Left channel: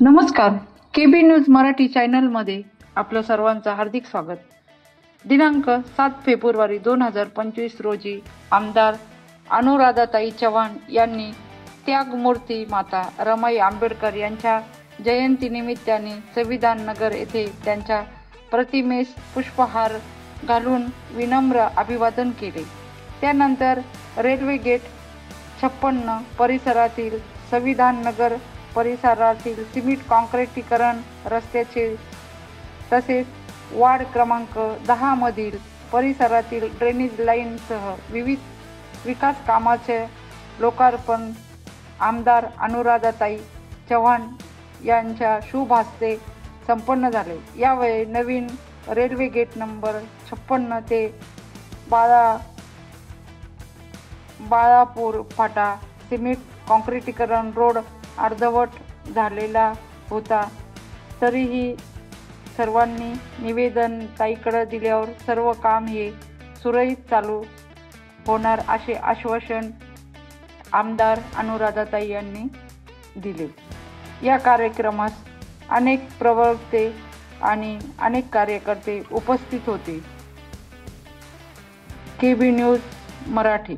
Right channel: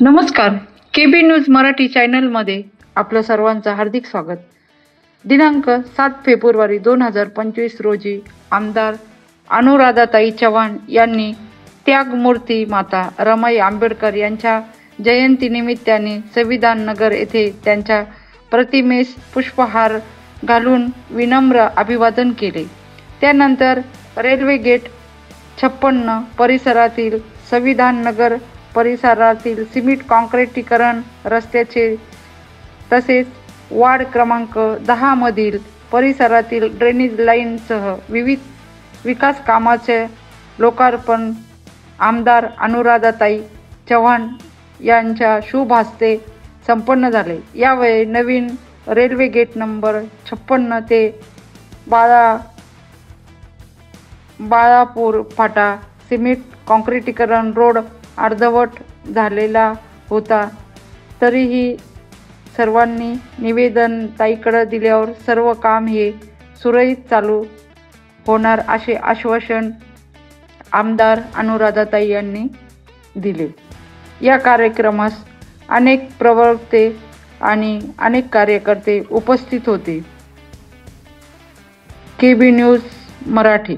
नमस्कार. KB news Marathi चॅनलमध्ये आपलं सर्वांचं हार्दिक स्वागत. दिनांक 7 फेब्रुवारी 2025 रोजी आमदार अनुराधाताई चव्हाण यांनी त्यागमूर्ती माता रमाई आंबेडकर यांच्या जयंतीनिमित्ताने संविधान नगर येथे त्यांच्या प्रतिमेस पुष्पहार घालून विनम्र अभिवादन केले. त्यानंतर रेल्वे गेट 56 परिसरातील संविधान नगर परिसरातील सिमेंट काँक्रिटीकरण रस्त्याचे तसेच वार्ड क्रमांक 10 मधील परिसरातील ड्रेनेज लाईनसह विविध विकास कामाचे लोकार्पण आमदार अनुराधाताई चव्हाण यांच्या शुभ हस्ते संपन्न झाले. यावेळी नवीन रेल्वे गेट नंबर 56 ते बाळापूर फाटा सिमेंट काँक्रिटीकरण रोड अर्धवट झालेला होता. तरीही सर्वांनी निवेदन ताईकडे दिल्यावर सर्व काम हे सुरळीत चालू होणार असे आश्वासन आमदार अनुराधाताई यांनी दिले. या कार्यक्रमास अनेक प्रवक्ते आणि अनेक कार्यकर्ते उपस्थित होते. KB news Marathi.